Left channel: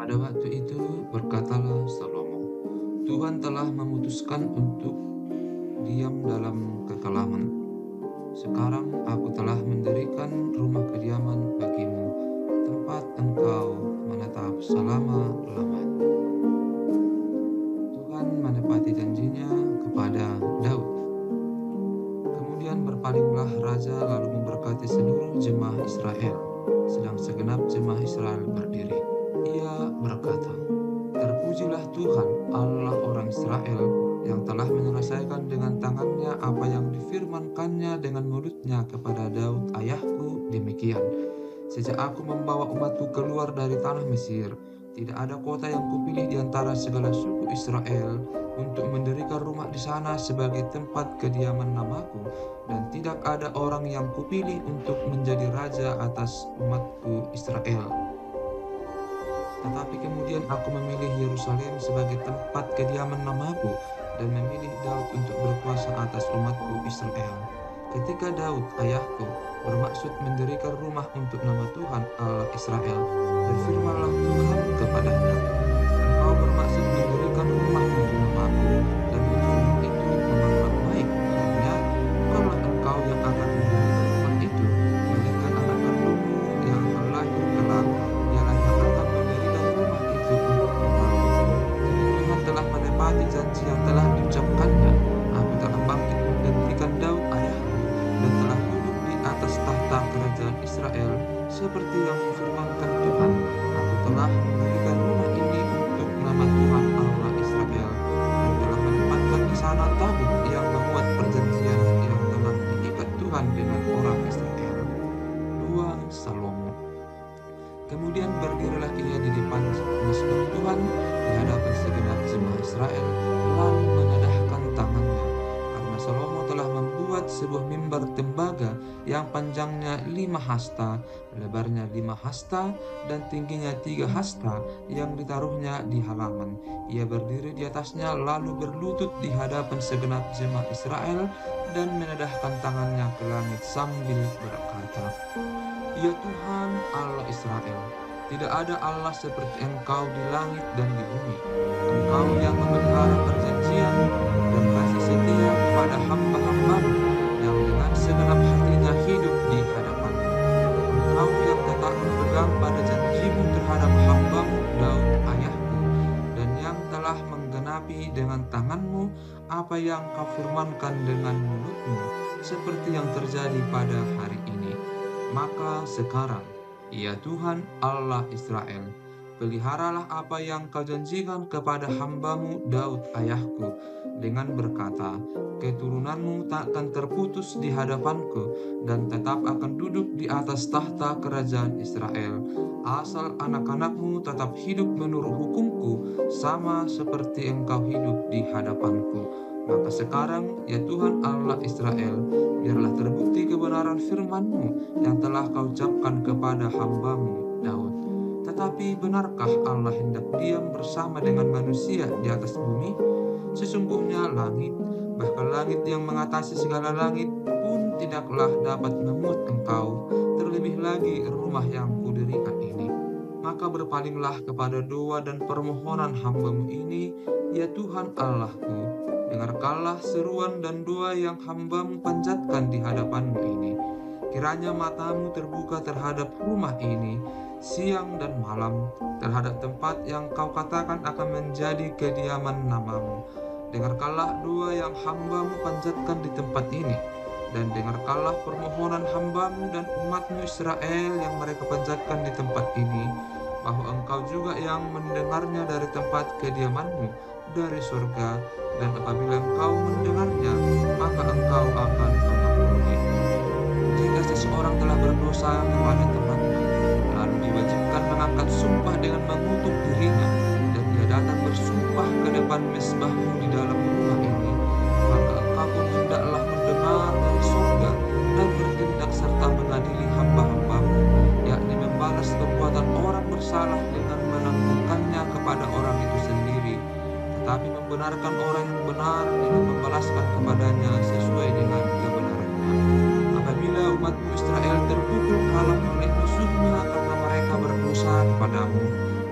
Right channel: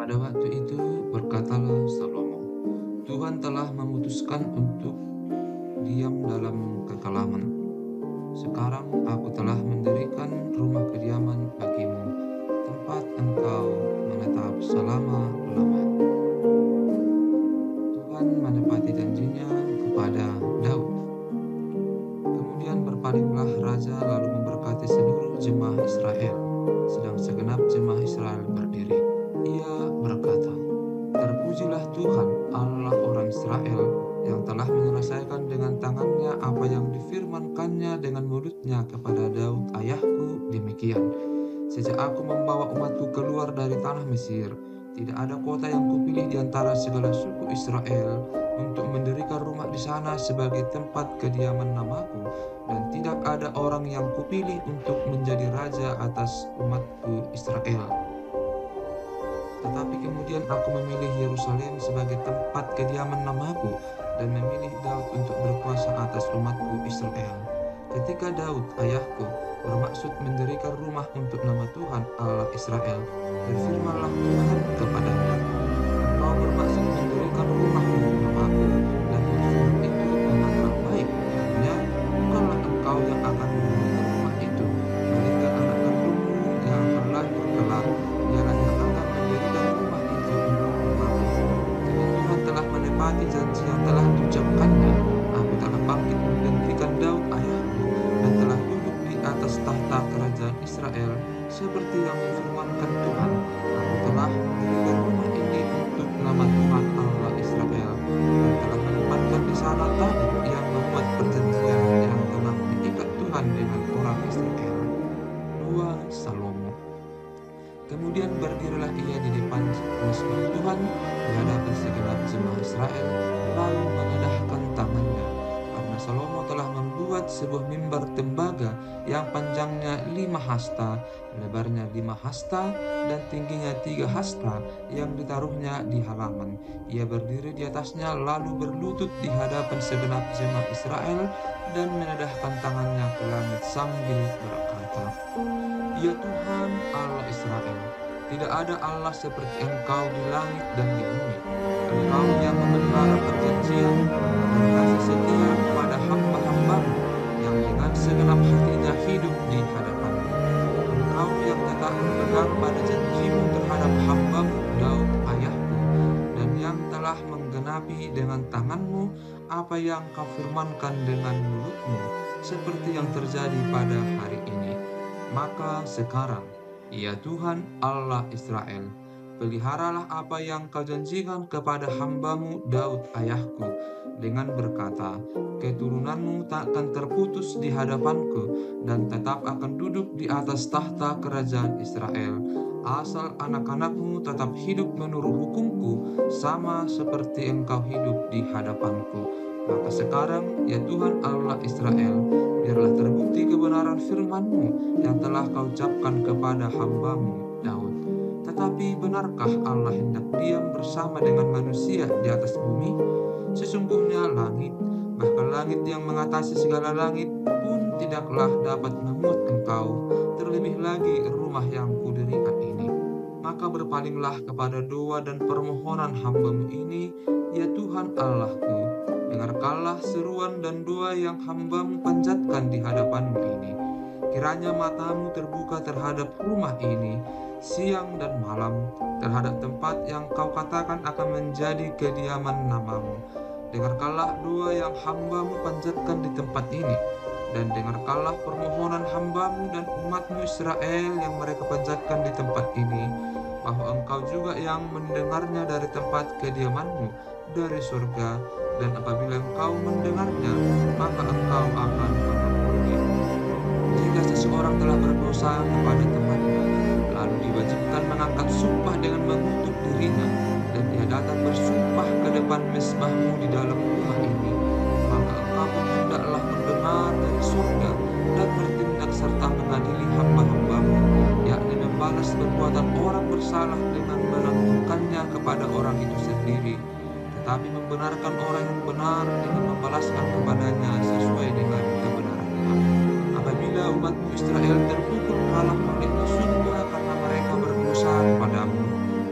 Pada waktu itu berkatalah Salomo, Tuhan telah memutuskan untuk diam dalam kekelaman. Sekarang aku telah mendirikan rumah kediaman bagimu, tempat engkau menetap selama-lamanya. Tuhan menepati janjinya kepada Daud. Kemudian berpalinglah raja lalu memberkati seluruh jemaah Israel, sedang segenap jemaah Israel berdiri. Ia berkata, "Terpujilah Tuhan Allah orang Israel yang telah menyelesaikan dengan tangannya apa yang difirmankannya dengan mulutnya kepada Daud ayahku demikian. Sejak aku membawa umatku keluar dari tanah Mesir, tidak ada kota yang kupilih di antara segala suku Israel untuk mendirikan rumah di sana sebagai tempat kediaman namaku, dan tidak ada orang yang kupilih untuk menjadi raja atas umatku Israel. Tetapi kemudian aku memilih Yerusalem sebagai tempat kediaman namaku dan memilih Daud untuk berkuasa atas umatku Israel. Ketika Daud, ayahku, bermaksud mendirikan rumah untuk nama Tuhan Allah Israel, berfirmanlah Tuhan kepadanya, Engkau bermaksud mendirikan rumah untuk namaku, dan maksudmu itu memanglah baik, hanya bukanlah engkau yang akan mendirikan rumah itu, melainkan anak kandungmu yang akan lahir kelak, dialah yang akan mendirikan rumah itu untuk namaku. Jadi Tuhan telah menepati janji yang telah diucapkannya. Aku telah bangkit menggantikan Daud ayahku dan telah duduk di atas tahta kerajaan Israel seperti yang difirmankan Tuhan. Aku telah mendirikan rumah ini untuk nama Tuhan Allah Israel dan telah menempatkan di sana tabut yang memuat perjanjian yang telah diikat Tuhan dengan orang Israel. 2 Salomo. Kemudian berdirilah ia di depan mezbah Tuhan di hadapan segenap jemaah Israel, lalu menadahkan tangannya. Karena Salomo telah membuat sebuah mimbar tembaga yang panjangnya 5 hasta, lebarnya 5 hasta, dan tingginya 3 hasta, yang ditaruhnya di halaman. Ia berdiri di atasnya lalu berlutut di hadapan segenap jemaah Israel dan menadahkan tangannya ke langit sambil berkata, Ya Tuhan Allah Israel, tidak ada Allah seperti Engkau di langit dan di bumi. Engkau yang memelihara perjanjian dan kasih setia kepada hamba-hamba-Mu yang dengan segenap hatinya hidup di hadapan-Mu. Engkau yang tetap berpegang pada janji-Mu terhadap hamba-Mu Daud ayahku, dan yang telah menggenapi dengan tangan-Mu apa yang Kau firmankan dengan mulut-Mu, seperti yang terjadi pada hari ini. Maka sekarang, ya Tuhan Allah Israel, peliharalah apa yang Kau janjikan kepada hamba-Mu Daud ayahku, dengan berkata, keturunanmu tak akan terputus di hadapanku, dan tetap akan duduk di atas tahta kerajaan Israel, asal anak-anakmu tetap hidup menurut hukumku, sama seperti engkau hidup di hadapanku. Maka sekarang, ya Tuhan Allah Israel, biarlah terbukti kebenaran firman-Mu yang telah Kau ucapkan kepada hamba-Mu Daud. Tetapi benarkah Allah hendak diam bersama dengan manusia di atas bumi? Sesungguhnya langit, bahkan langit yang mengatasi segala langit pun tidaklah dapat memuat Engkau, terlebih lagi rumah yang kudirikan ini. Maka berpalinglah kepada doa dan permohonan hamba-Mu ini, ya Tuhan Allahku. Dengarkanlah seruan dan doa yang hamba-Mu panjatkan di hadapan-Mu ini. Kiranya mata-Mu terbuka terhadap rumah ini, siang dan malam, terhadap tempat yang Kau katakan akan menjadi kediaman nama-Mu. Dengarkanlah doa yang hamba-Mu panjatkan di tempat ini, dan dengarkanlah permohonan hamba-Mu dan umat-Mu Israel yang mereka panjatkan di tempat ini, bahwa Engkau juga yang mendengarnya dari tempat kediaman-Mu, dari surga, dan apabila Engkau mendengarnya, maka Engkau akan mengampuni. Jika seseorang telah berdosa kepada temannya, lalu diwajibkan mengangkat sumpah dengan mengutuk dirinya, dan ia datang bersumpah ke depan mezbah-Mu di dalam rumah ini, maka Engkau pun hendaklah mendengar dari surga dan bertindak serta mengadili hamba-hamba-Mu, yakni membalas perbuatan orang bersalah dengan menanggungkannya kepada orang itu sendiri, tetapi membenarkan orang yang benar dengan membalaskan kepadanya sesuai dengan kebenarannya. Apabila umat-Mu Israel terpukul kalah oleh musuhnya karena mereka berdosa kepadamu,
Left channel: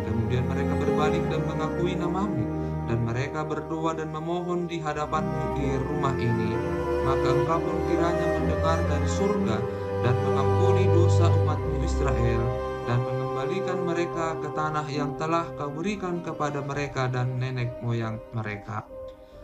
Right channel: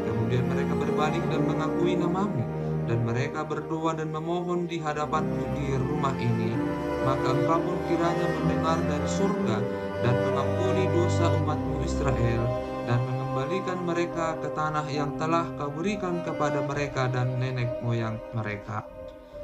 kemudian Kemudian mereka berbalik dan mengakui namamu, dan mereka berdoa dan memohon di hadapanmu di rumah ini, maka engkau pun kiranya mendengar dari surga dan mengampuni dosa umatmu Israel, dan mengembalikan mereka ke tanah yang telah kau berikan kepada mereka dan nenek moyang mereka.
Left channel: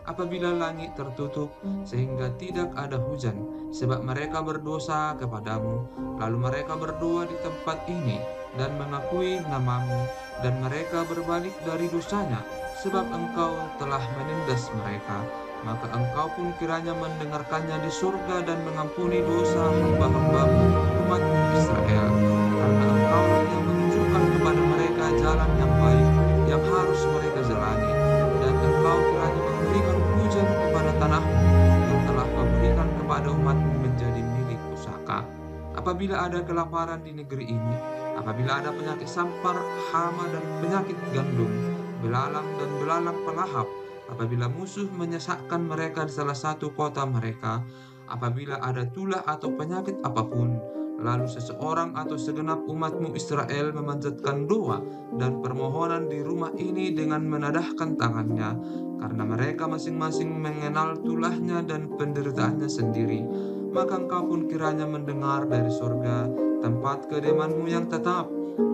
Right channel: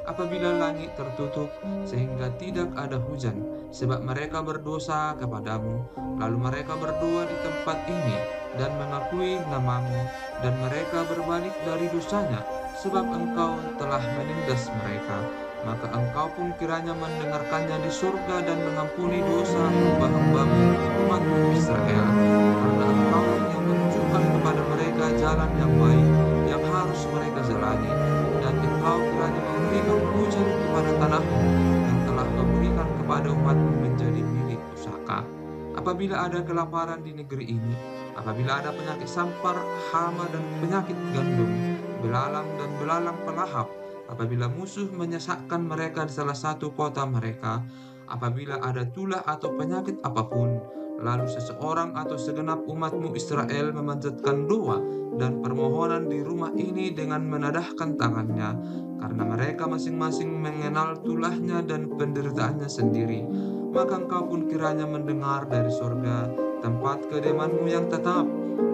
Apabila langit tertutup sehingga tidak ada hujan, sebab mereka berdosa kepadamu, lalu mereka berdoa di tempat ini dan mengakui namamu, dan mereka berbalik dari dosanya, sebab engkau telah menindas mereka, maka engkau pun kiranya mendengarkannya di surga dan mengampuni dosa hamba-hambamu, umatmu Israel, karena engkaulah yang menunjukkan kepada mereka jalan yang baik yang harus mereka jalani, dan engkau kiranya memberikan hujan kepada tanahmu yang telah kau berikan kepada umatmu menjadi milik pusaka. Apabila ada kelaparan di negeri ini, apabila ada penyakit sampar, hama dan penyakit gandum, belalang dan belalang pelahap, apabila musuh menyesakkan mereka di salah satu kota mereka, apabila ada tulah atau penyakit apapun, lalu seseorang atau segenap umatmu Israel memanjatkan doa dan permohonan di rumah ini dengan menadahkan tangannya, karena mereka masing-masing mengenal tulahnya dan penderitaannya sendiri, maka engkau pun kiranya mendengar dari surga, tempat kediamanmu yang tetap,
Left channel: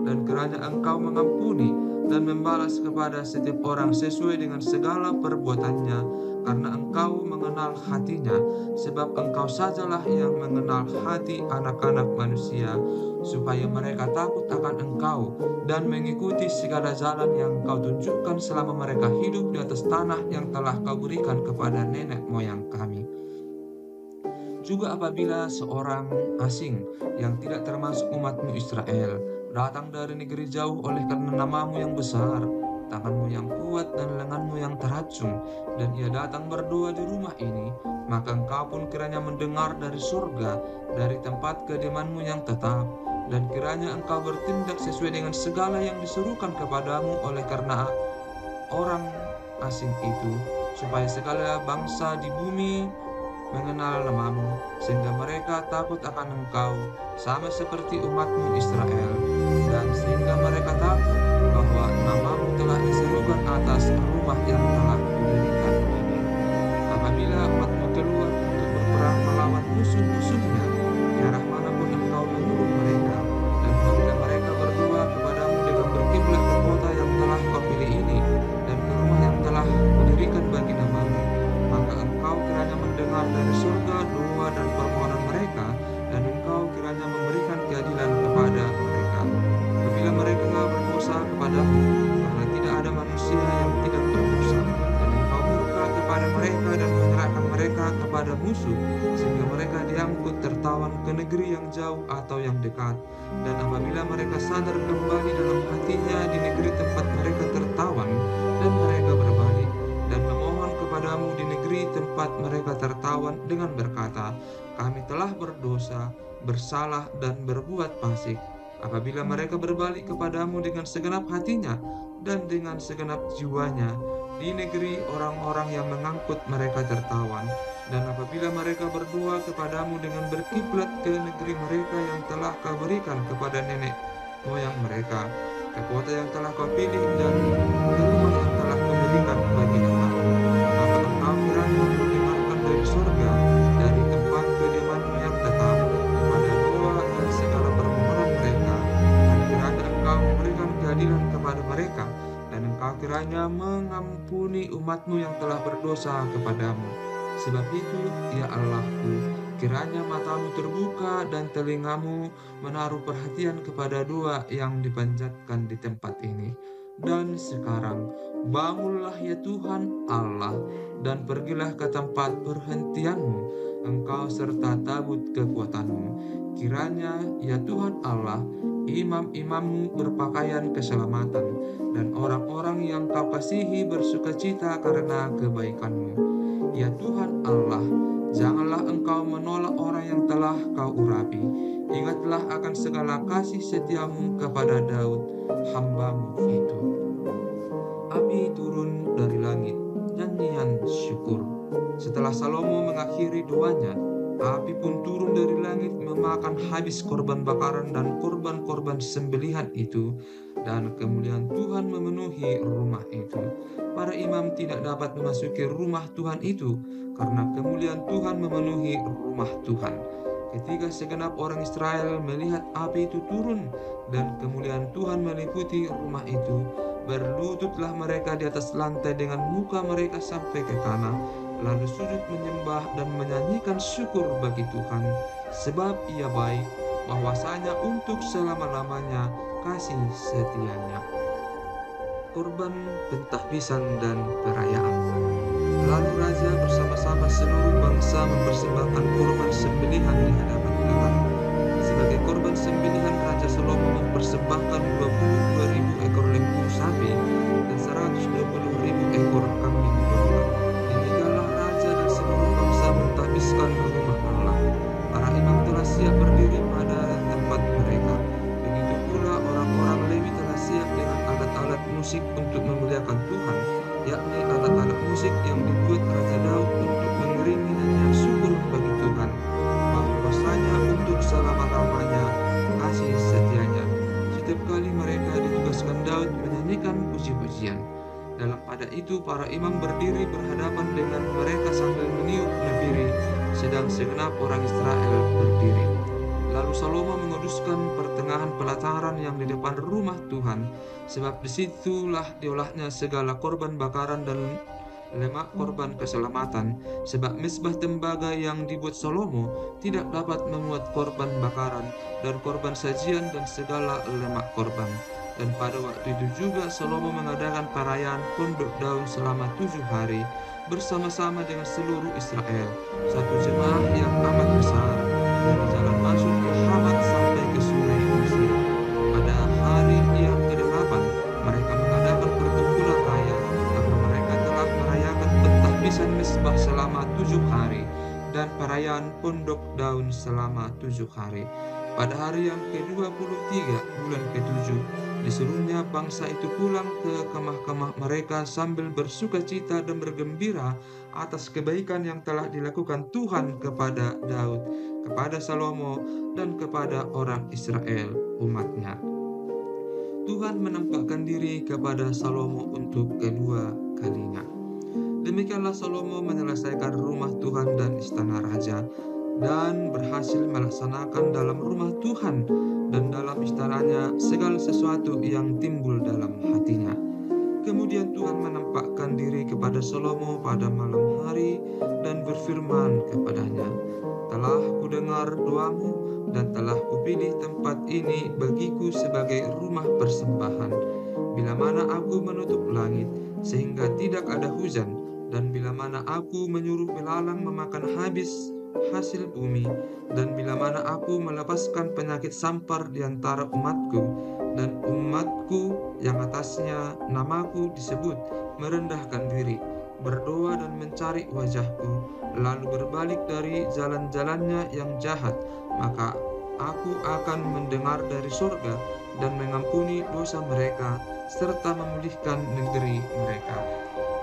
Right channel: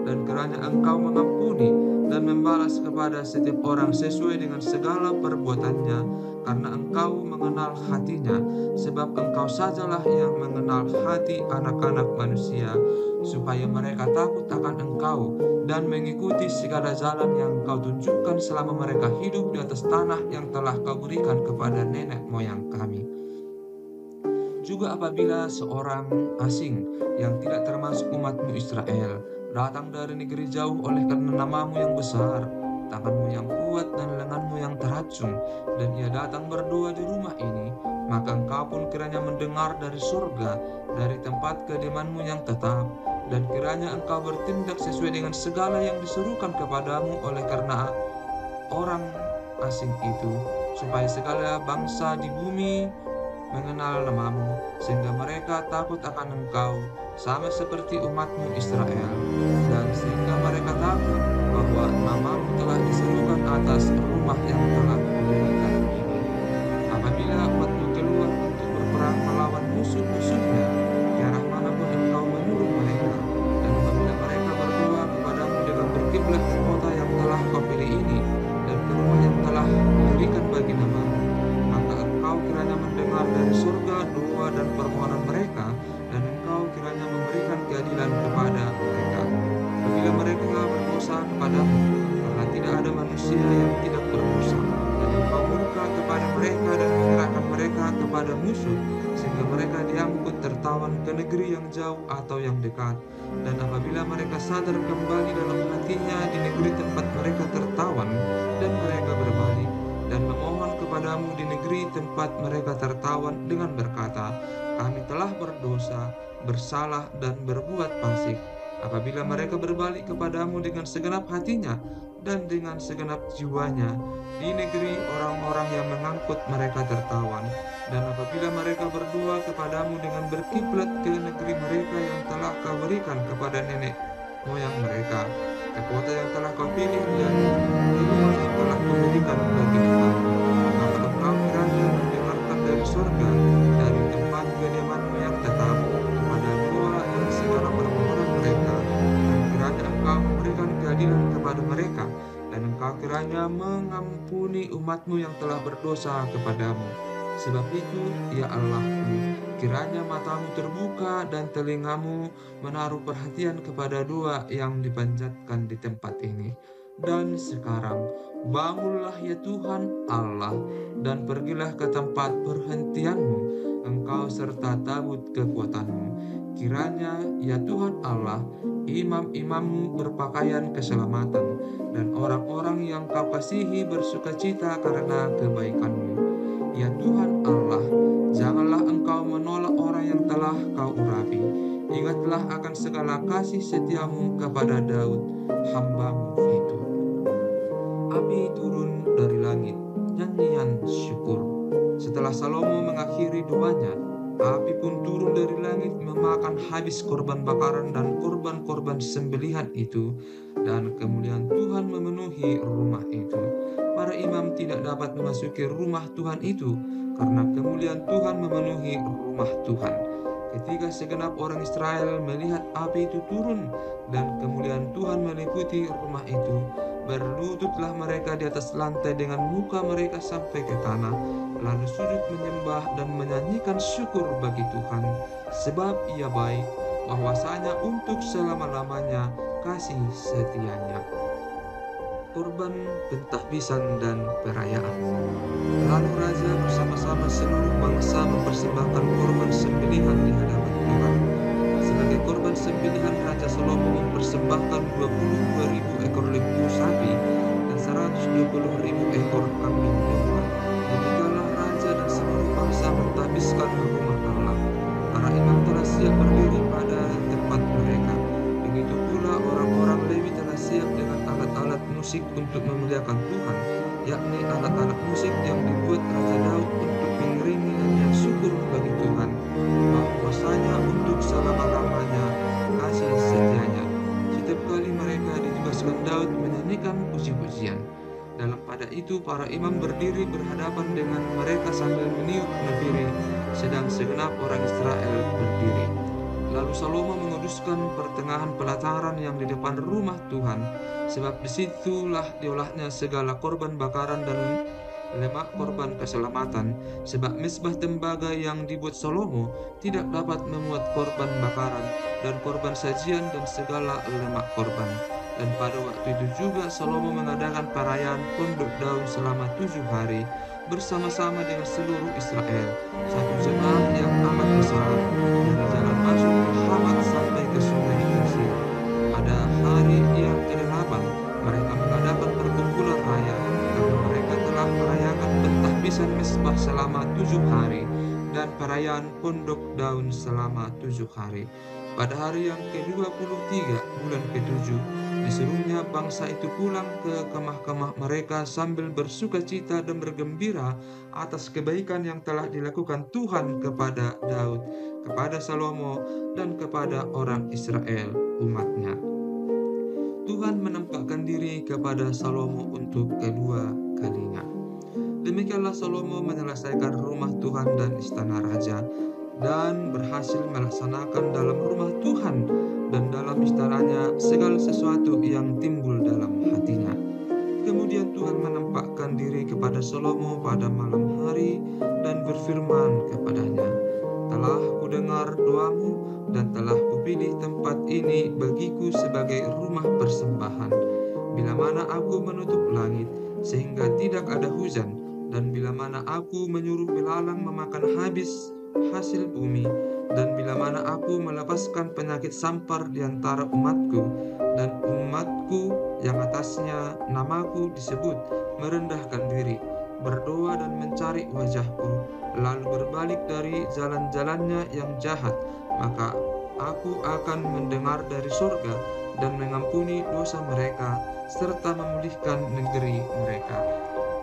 dan kiranya engkau mengampuni dan membalas kepada setiap orang sesuai dengan segala perbuatannya, karena engkau mengenal hatinya, sebab engkau sajalah yang mengenal hati anak-anak manusia, supaya mereka takut akan engkau dan mengikuti segala jalan yang kau tunjukkan selama mereka hidup di atas tanah yang telah kau berikan kepada nenek moyang kami. Juga apabila seorang asing yang tidak termasuk umatmu Israel datang dari negeri jauh oleh karena namamu yang besar, tanganmu yang kuat dan lenganmu yang teracung, dan ia datang berdoa di rumah ini, maka engkau pun kiranya mendengar dari surga, dari tempat kediamanmu yang tetap, dan kiranya engkau bertindak sesuai dengan segala yang diserukan kepadamu oleh karena orang asing itu, supaya segala bangsa di bumi mengenal namamu, sehingga mereka takut akan engkau, sama seperti umatmu Israel, dan sehingga mereka takut bahwa namamu telah diserukan atas rumah yang telah kudirikan ini. Apabila umatmu keluar untuk berperang melawan musuh-musuhnya, ke arah manapun engkau menyuruh mereka, dan apabila mereka berdoa kepadamu dengan berkiblat ke kota yang telah kau pilih ini, dan ke rumah yang telah kudirikan bagi namamu, maka engkau kiranya mendengar dari surga doa dan permohonan mereka, dan engkau kiranya memberikan keadilan kepada mereka. Apabila mereka berdosa kepadamu, karena tidak ada manusia yang tidak berdosa, dan engkau murka kepada mereka dan menyerahkan mereka kepada musuh, sehingga mereka diangkut tertawan ke negeri yang jauh atau yang dekat. Dan apabila mereka sadar kembali dalam hatinya di negeri tempat mereka tertawan, dan mereka berbalik dan memohon kepadamu di negeri tempat mereka tertawan dengan berkata, kami telah berdosa, bersalah dan berbuat fasik. Apabila mereka berbalik kepadamu dengan segenap hatinya dan dengan segenap jiwanya di negeri orang-orang yang mengangkut mereka tertawan, dan apabila mereka berdoa kepadamu dengan berkiblat ke negeri mereka yang telah kau berikan kepada nenek moyang mereka, ke kota yang telah kau pilih dan ke rumah yang telah kuberikan bagi namamu, maka engkau kiranya mendengarkan dari surga, dari tempat kediamanmu yang tetap, kepada doa dan segala permohonan mereka, dan kiranya engkau memberikan keadilan kepada mereka, dan engkau kiranya mengampuni umatmu yang telah berdosa kepadamu. Sebab itu, ya Allahku, kiranya matamu terbuka dan telingamu menaruh perhatian kepada doa yang dipanjatkan di tempat ini. Dan sekarang, bangunlah ya Tuhan Allah, dan pergilah ke tempat perhentianmu, engkau serta tabut kekuatanmu. Kiranya ya Tuhan Allah, imam-imammu berpakaian keselamatan, dan orang-orang yang kau kasihi bersukacita karena kebaikanmu. Ya Tuhan Allah, janganlah engkau menolak orang yang telah kau urapi. Ingatlah akan segala kasih setiamu kepada Daud, hambamu itu. Api turun dari langit, nyanyian syukur. Setelah Salomo mengakhiri doanya, Api pun turun dari langit memakan habis korban bakaran dan korban-korban sembelihan itu, dan kemuliaan Tuhan memenuhi rumah itu. Para imam tidak dapat memasuki rumah Tuhan itu, karena kemuliaan Tuhan memenuhi rumah Tuhan. Ketika segenap orang Israel melihat api itu turun dan kemuliaan Tuhan meliputi rumah itu, berlututlah mereka di atas lantai dengan muka mereka sampai ke tanah, lalu sujud menyembah dan menyanyikan syukur bagi Tuhan, sebab Ia baik, bahwasanya untuk selama-lamanya kasih setianya. Korban pentahbisan dan perayaan. Lalu raja bersama-sama seluruh bangsa mempersembahkan korban sembelihan di hadapan Tuhan. Sebagai korban sembelihan, Raja Salomo mempersembahkan 22.000 ekor lembu sapi dan 120.000 ekor kambing domba. Demikianlah raja dan seluruh bangsa mentahbiskan rumah Allah. Para imam telah siap berdiri pada tempat mereka. Begitu pula orang-orang Lewi telah siap dengan alat-alat musik untuk memuliakan Tuhan, yakni alat-alat musik yang dibuat Raja Daud untuk mengiringi nyanyian syukur bagi Tuhan, bahwasanya untuk selama-lamanya kasih setianya. Setiap kali mereka ditugaskan Daud menyanyikan puji-pujian. Dalam pada itu para imam berdiri berhadapan dengan mereka sambil meniup nafiri, sedang segenap orang Israel berdiri. Lalu Salomo menguduskan pertengahan pelataran yang di depan rumah Tuhan, sebab disitulah diolahnya segala korban bakaran dan lemak korban keselamatan, sebab mezbah tembaga yang dibuat Salomo tidak dapat memuat korban bakaran dan korban sajian dan segala lemak korban. Dan pada waktu itu juga Salomo mengadakan perayaan Pondok Daun selama 7 hari bersama-sama dengan seluruh Israel, satu jemaah yang amat besar, dari jalan masuk ke Hamat sampai ke sungai Mesir. Pada hari yang ke-8 mereka mengadakan perkumpulan raya, karena mereka telah merayakan pentahbisan mezbah selama 7 hari dan perayaan Pondok Daun selama 7 hari. Pada hari yang ke-23 bulan ke-7 disuruhnya bangsa itu pulang ke kemah-kemah mereka sambil bersuka cita dan bergembira atas kebaikan yang telah dilakukan Tuhan kepada Daud, kepada Salomo, dan kepada orang Israel, umatnya. Tuhan menampakkan diri kepada Salomo untuk kedua kalinya. Demikianlah Salomo menyelesaikan rumah Tuhan dan istana raja, dan berhasil melaksanakan dalam rumah Tuhan dan dalam istananya segala sesuatu yang timbul dalam hatinya. Kemudian Tuhan menampakkan diri kepada Salomo pada malam hari dan berfirman kepadanya, "Telah kudengar doamu dan telah kupilih tempat ini bagiku sebagai rumah persembahan. Bila mana aku menutup langit sehingga tidak ada hujan, dan bila mana aku menyuruh belalang memakan habis hasil bumi, dan bila mana aku melepaskan penyakit sampar di antara umatku, dan umatku yang atasnya namaku disebut merendahkan diri, berdoa dan mencari wajahku, lalu berbalik dari jalan-jalannya yang jahat, maka aku akan mendengar dari sorga dan mengampuni dosa mereka, serta memulihkan negeri mereka.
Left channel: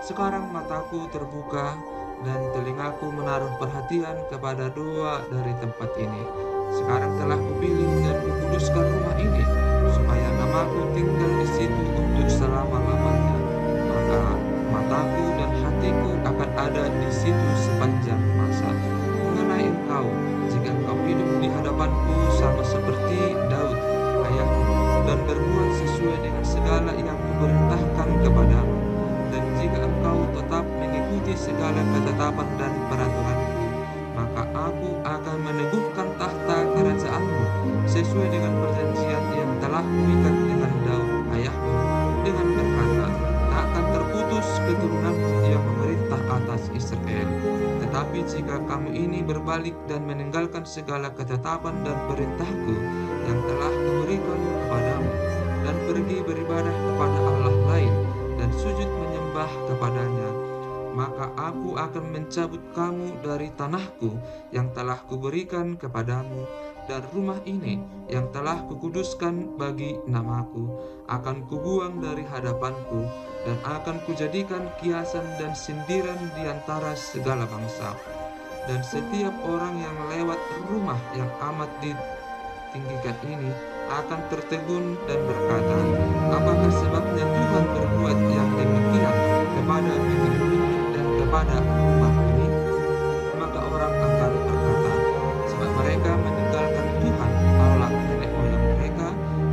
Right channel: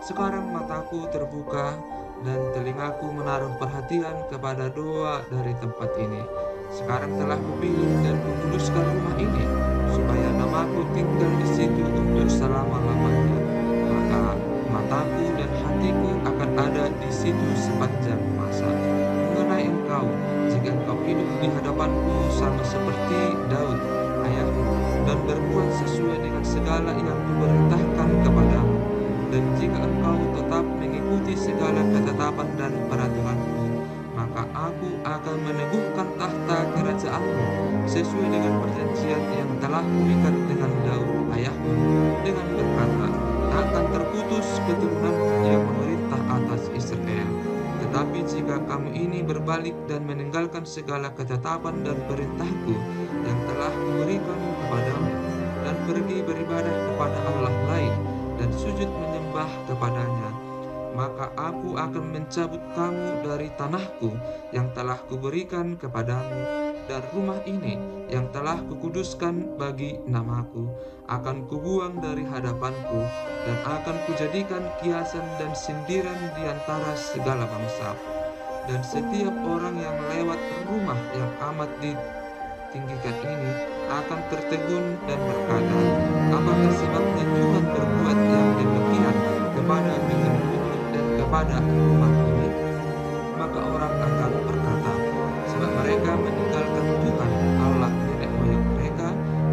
Sekarang mataku terbuka dan telingaku menaruh perhatian kepada doa dari tempat ini. Sekarang telah kupilih dan kukuduskan rumah ini, supaya namaku tinggal di situ untuk selama-lamanya. Maka mataku dan hatiku akan ada di situ sepanjang masa. Mengenai engkau, jika engkau hidup di hadapanku sama seperti Daud, ayahmu, dan berbuat sesuai dengan segala yang kuperintahkan kepadamu, dan jika engkau tetap mengikuti segala ketetapan dan peraturanku, maka aku akan meneguhkan tahta kerajaanmu sesuai dengan perjanjian yang telah kuikat dengan Daud ayahmu, dengan berkata, tak akan terputus keturunanmu yang memerintah atas Israel. Tetapi jika kamu ini berbalik dan meninggalkan segala ketetapan dan perintahku yang telah kuberikan kepadamu, dan pergi beribadah kepada Allah lain, dan sujud menyembah kepadanya, maka aku akan mencabut kamu dari tanahku yang telah kuberikan kepadamu, dan rumah ini yang telah kukuduskan bagi namaku akan kubuang dari hadapanku, dan akan kujadikan kiasan dan sindiran di antara segala bangsa. Dan setiap orang yang lewat rumah yang amat ditinggikan ini akan tertegun dan berkata, apakah sebabnya Tuhan berbuat yang demikian kepada negeri ini dan kepada rumah ini? Maka orang akan berkata, sebab mereka meninggalkan Tuhan Allah nenek moyang mereka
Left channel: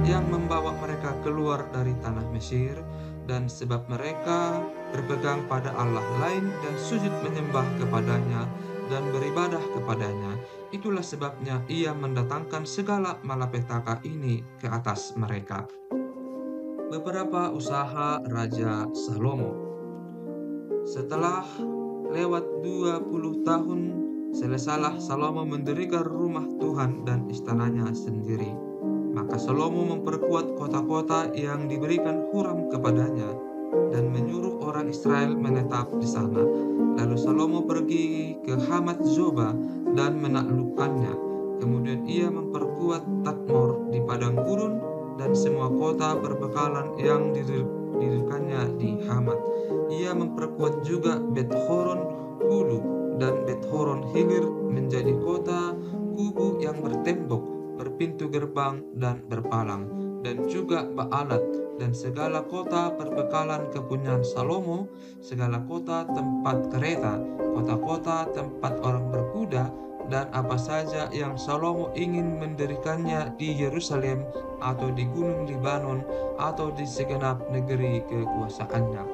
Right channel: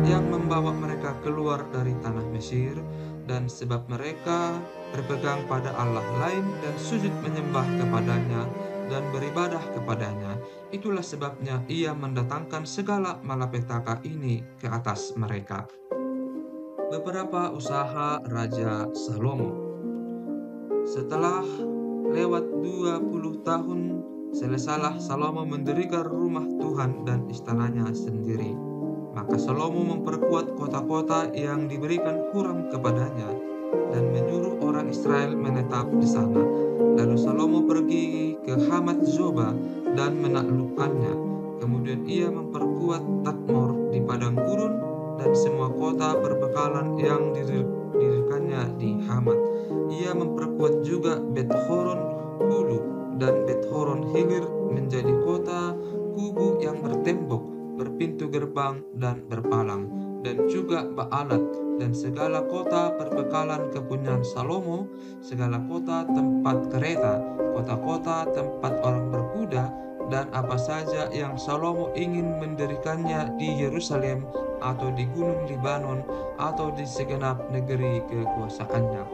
yang membawa mereka keluar dari tanah Mesir, dan sebab mereka berpegang pada Allah lain dan sujud menyembah kepadanya dan beribadah kepadanya. Itulah sebabnya ia mendatangkan segala malapetaka ini ke atas mereka. Beberapa usaha Raja Salomo. Setelah lewat 20 tahun, selesailah Salomo mendirikan rumah Tuhan dan istananya sendiri. Maka Salomo memperkuat kota-kota yang diberikan Huram kepadanya dan menyuruh orang Israel menetap di sana. Lalu Salomo pergi ke Hamat Zoba dan menaklukkannya. Kemudian ia memperkuat Tadmor di padang gurun dan semua kota berbekalan yang didirikannya di Hamat. Ia memperkuat juga Bet-horon Hulu dan Bet-horon Hilir menjadi kota kubu yang bertembok, berpintu gerbang dan berpalang, dan juga Baalat dan segala kota perbekalan kepunyaan Salomo, segala kota tempat kereta, kota-kota tempat orang berkuda, dan apa saja yang Salomo ingin mendirikannya di Yerusalem atau di Gunung Libanon atau di segenap negeri kekuasaannya.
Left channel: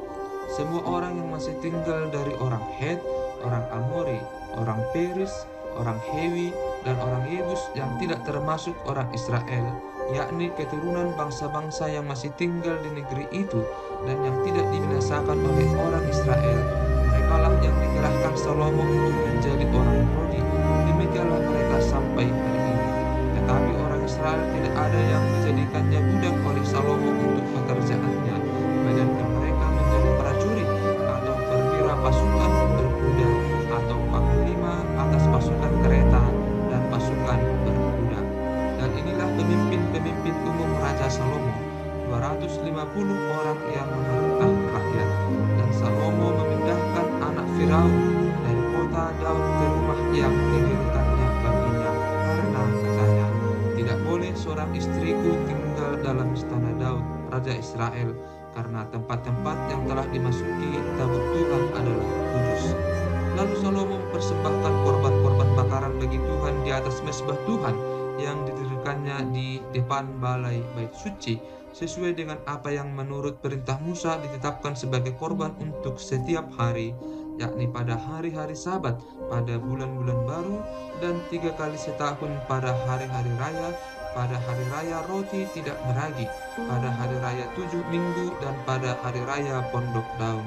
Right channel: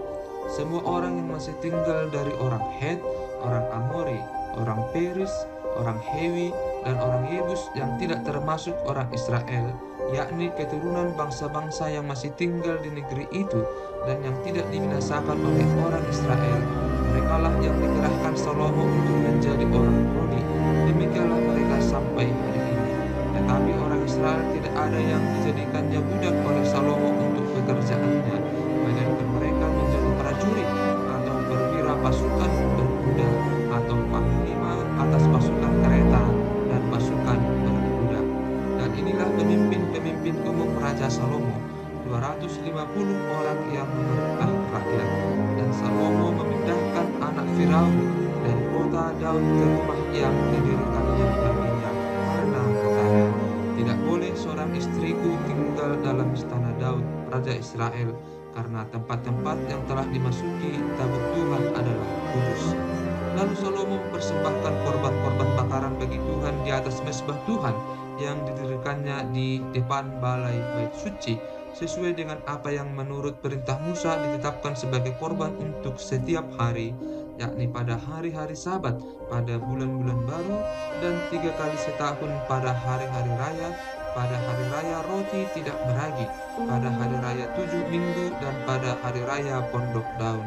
Semua orang yang masih tinggal dari orang Het, orang Amori, orang Peris, orang Hewi, dan orang Yebus yang tidak termasuk orang Israel, yakni keturunan bangsa-bangsa yang masih tinggal di negeri itu dan yang tidak dibinasakan oleh orang Israel, merekalah yang dikerahkan Salomo untuk menjadi orang Rodi. Demikianlah mereka sampai hari ini. Tetapi orang Israel tidak ada yang dijadikannya budak oleh Salomo untuk pekerjaannya, melainkan mereka menjadi prajurit atau perwira pasukan berkuda atau panglima atas pasukan kereta dan pasukan berkuda. Dan inilah pemimpin-pemimpin umum Raja Salomo, 250 orang yang memerintah rakyat. Dan Salomo memindahkan anak Firaun dari kota Daud ke rumah yang didirikannya baginya, karena katanya, tidak boleh seorang istriku tinggal dalam istana Daud, Raja Israel, karena tempat-tempat yang telah dimasuki tabut Tuhan adalah kudus. Lalu Salomo mempersembahkan korban-korban bakaran bagi Tuhan di atas mezbah Tuhan yang didirikannya di depan balai bait suci, sesuai dengan apa yang menurut perintah Musa ditetapkan sebagai korban untuk setiap hari, yakni pada hari-hari Sabat, pada bulan-bulan baru, dan 3 kali setahun pada hari-hari raya, pada hari raya roti tidak beragi, pada hari raya 7 minggu, dan pada hari raya pondok daun.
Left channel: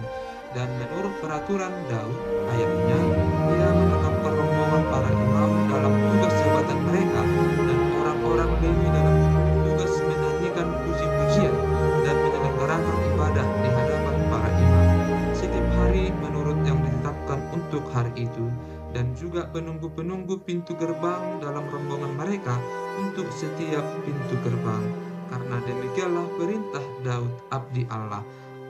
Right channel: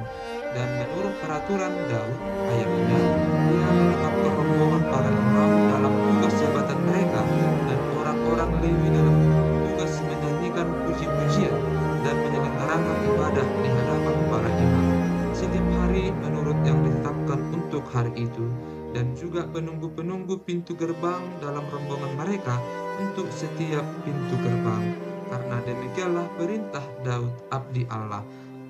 Dan menurut peraturan Daud, ayahnya, ia menetapkan rombongan para imam dalam tugas jabatan mereka dan orang-orang Lewi dalam tugas menyanyikan puji-pujian dan menyelenggarakan ibadah di hadapan para imam setiap hari menurut yang ditetapkan untuk hari itu, dan juga penunggu-penunggu pintu gerbang dalam rombongan mereka untuk setiap pintu gerbang. Karena demikianlah perintah Daud abdi Allah.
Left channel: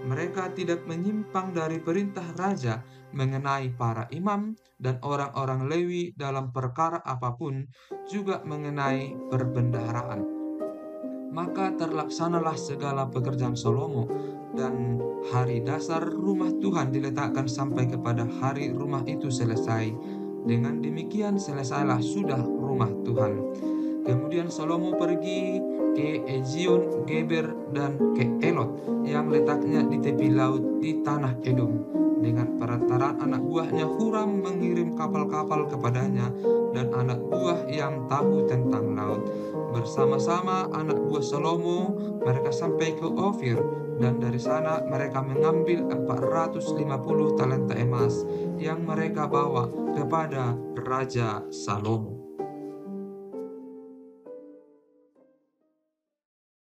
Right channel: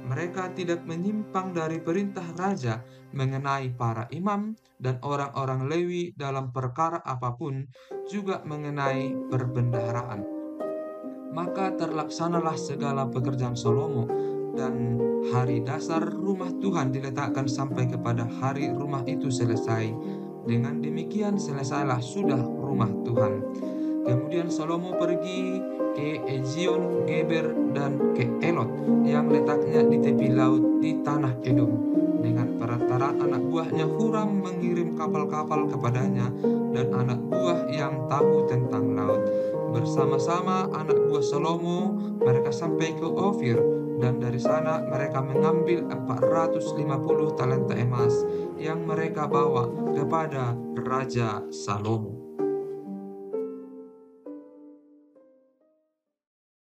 Mereka tidak menyimpang dari perintah raja mengenai para imam dan orang-orang Lewi dalam perkara apapun, juga mengenai perbendaharaan. Maka terlaksanalah segala pekerjaan Salomo, dan hari dasar rumah Tuhan diletakkan sampai kepada hari rumah itu selesai. Dengan demikian selesailah sudah rumah Tuhan. Kemudian Salomo pergi ke Ezion, Geber, dan ke Elot yang letaknya di tepi laut di tanah Edom. Dengan perantaraan anak buahnya Huram mengirim kapal-kapal kepadanya dan anak buah yang tahu tentang laut. Bersama-sama anak buah Salomo mereka sampai ke Ofir, dan dari sana mereka mengambil 450 talenta emas yang mereka bawa kepada Raja Salomo.